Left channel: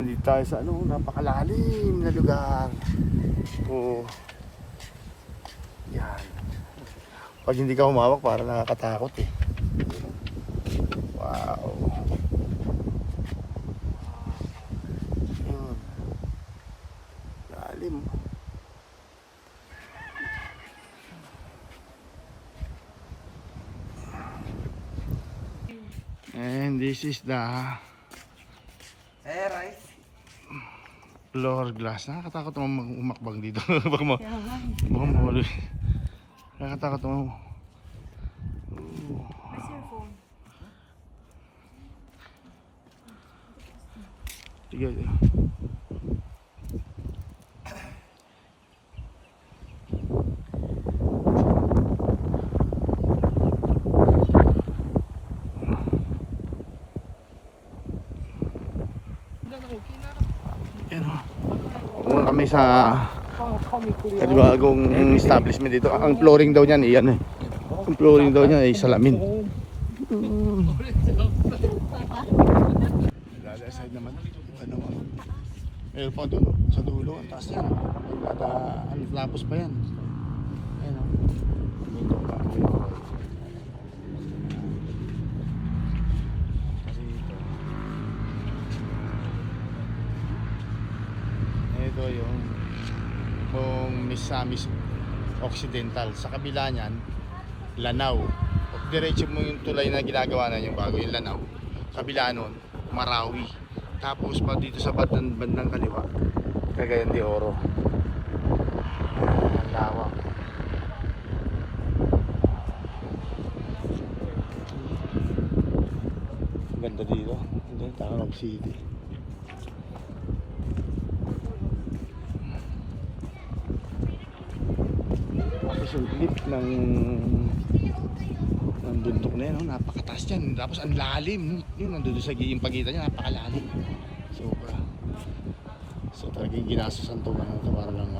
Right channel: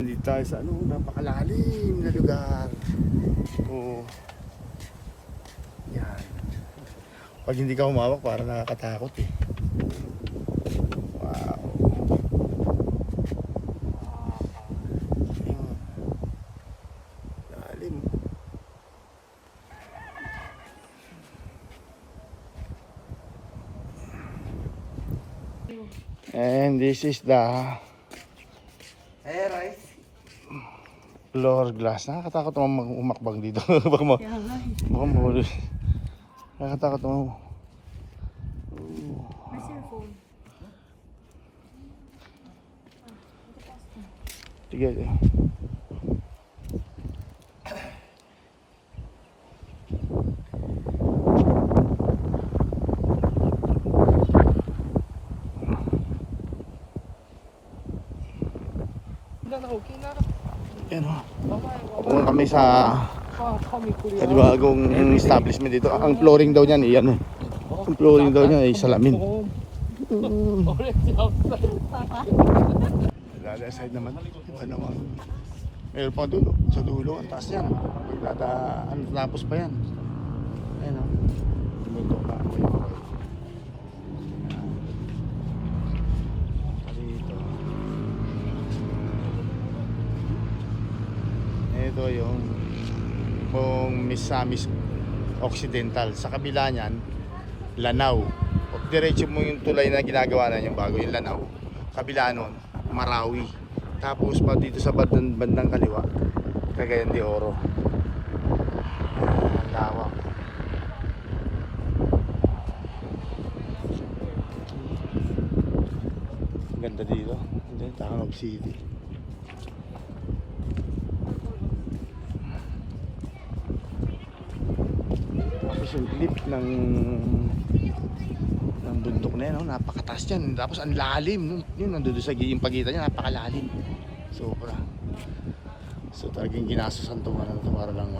Dito tayo sa napakalalim na lugar. Yan. Pag hindi ka humawak, parang nakakatakot eh. Wow. Yun. Lalim. And this is the floor glass. Nakakatakot naman umakbang dito. Baka mahuli. Nakakatakot naman. Where's your phone? Sige. Yan o. Pumunta kami sa bagong establishment dito. Ang flooring daw niyan iyan eh. Ang flooring daw niya ay salamin. Lala side naman. Iba naman. Meron pa doon sa dulo. Ang taas niya. Tapos pa yan. Ayan o. Bundok na po yun. Ito yung Misamis Occidental. Sa kabila niyan, Lanao. O diretso mo yung tulay na ginagawa na yung bago, yung Lanao. Kabila nun, Marawi. Tapos pa dito sa bandang kaliwa, Cagayan de Oro. Ang lawak. Ganda dito. Ito yung Taanab City. Yung clip ng bundok na yan, napakataas yan. Tapos ang lalim, yun nandun sa yung pagitan niya, napakalalim. Sobra. So talagang ginastosan itong ito para lang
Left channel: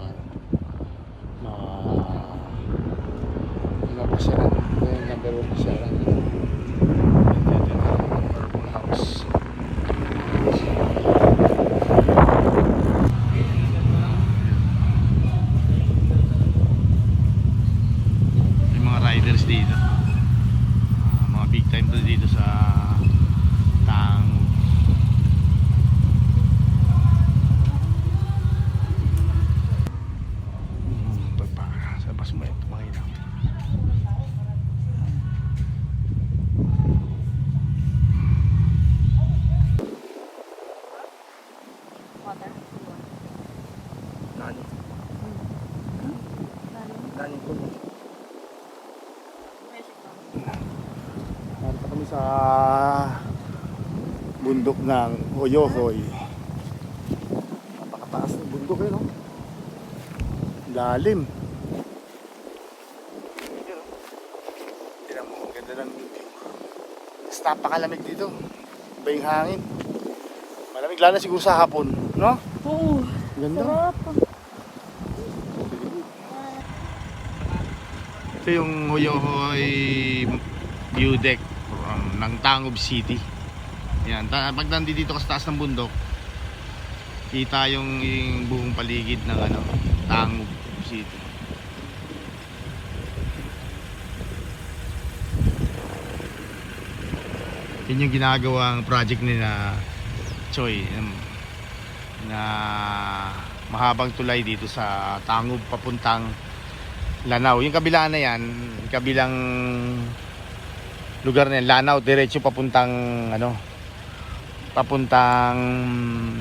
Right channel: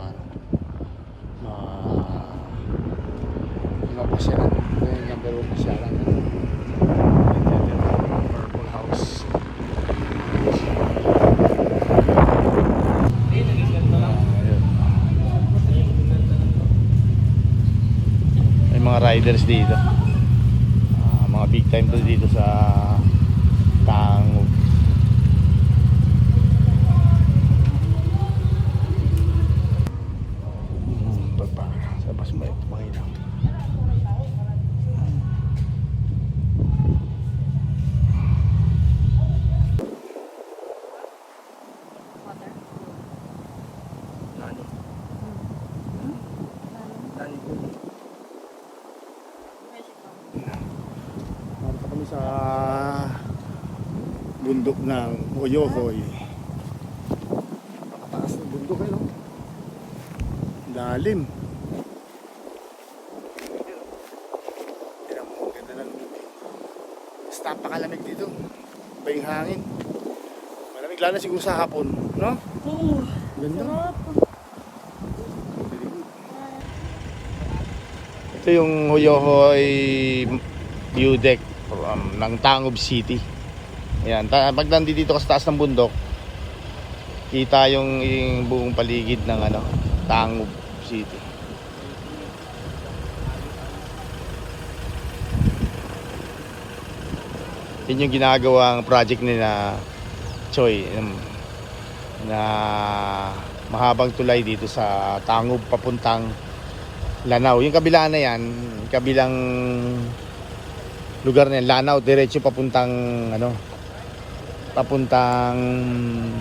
mapasyalan. Ito yung number 1 pasyalan. Purple House. Riders dito, mga big time to dito sa Taangob. Sa bas mo ito makita. Narito kami sa bundok ng Hoyohoy. Napakataas ng bundok eh, no? Lalim. Tira mo, ang ganda ng napakalamig dito. Iba yung hangin. Malamig lalo na siguro sa hapon, no? Oo. Ganda. Ito yung Hoyohoy view deck ng Taangob City. Ayan, pag nandito ka sa taas ng bundok, kita yung buong paligid ng Taangob City. Yun yung ginagawang project nila Choi na mahabang tulay dito sa Taangob papuntang Lanao. Yung kabila na yan, kabilang lugar na yan, Lanao, diretso papuntang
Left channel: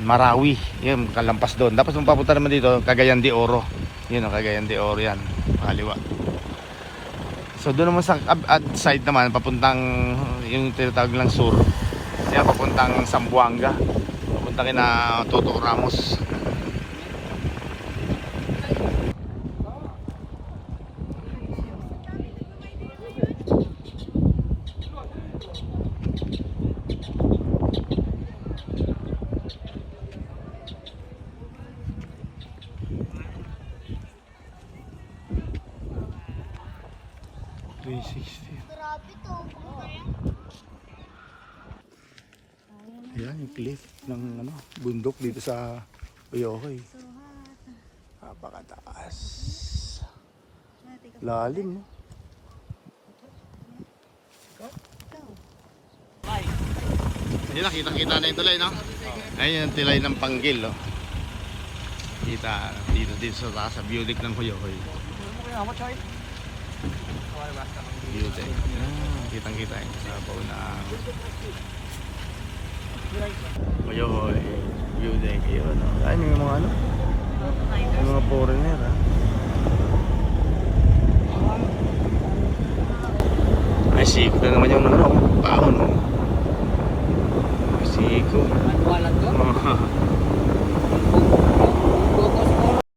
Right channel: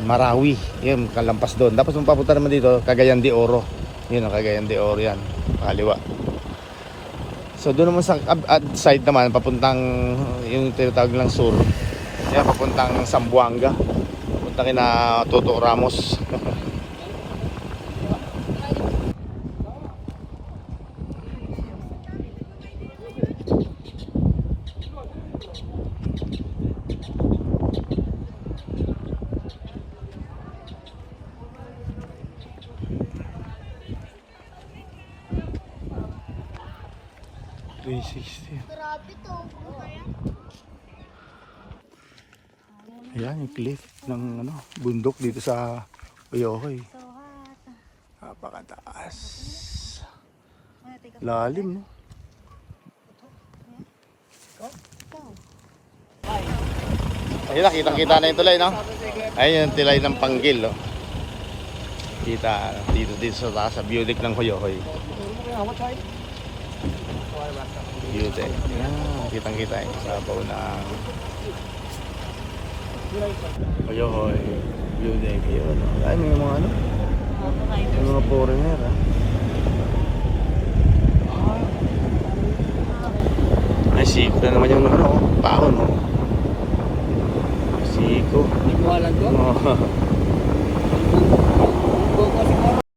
Marawi. Yun, kalampas doon. Tapos papunta naman dito, Cagayan de Oro. Yun ang Cagayan de Oro yan, kaliwa. So doon naman sa side naman, papuntang yung tinatawag lang sur. Ayan, papuntang Zamboanga. Papuntang kina Toto Ramos. 360. Grabe to. Yan, yung cliff ng ano, bundok dito sa Bayokoy. So hot. Napakataas. Take a Lalim. Ayun na, kita-kita na yung tulay, no? Ayun yung tulay ng Panggil, oh. Kita dito sa taas, sa view deck ng Hoyohoy. View deck. Yan, kitang-kita yung sabaw na Hoyohoy. View deck, yun, oh. Ay, may mga ano? May mga foreigner, ah. Ay, siko na naman yung ano, baon, no? Siko. Ano lang to? Oh. Kung siguro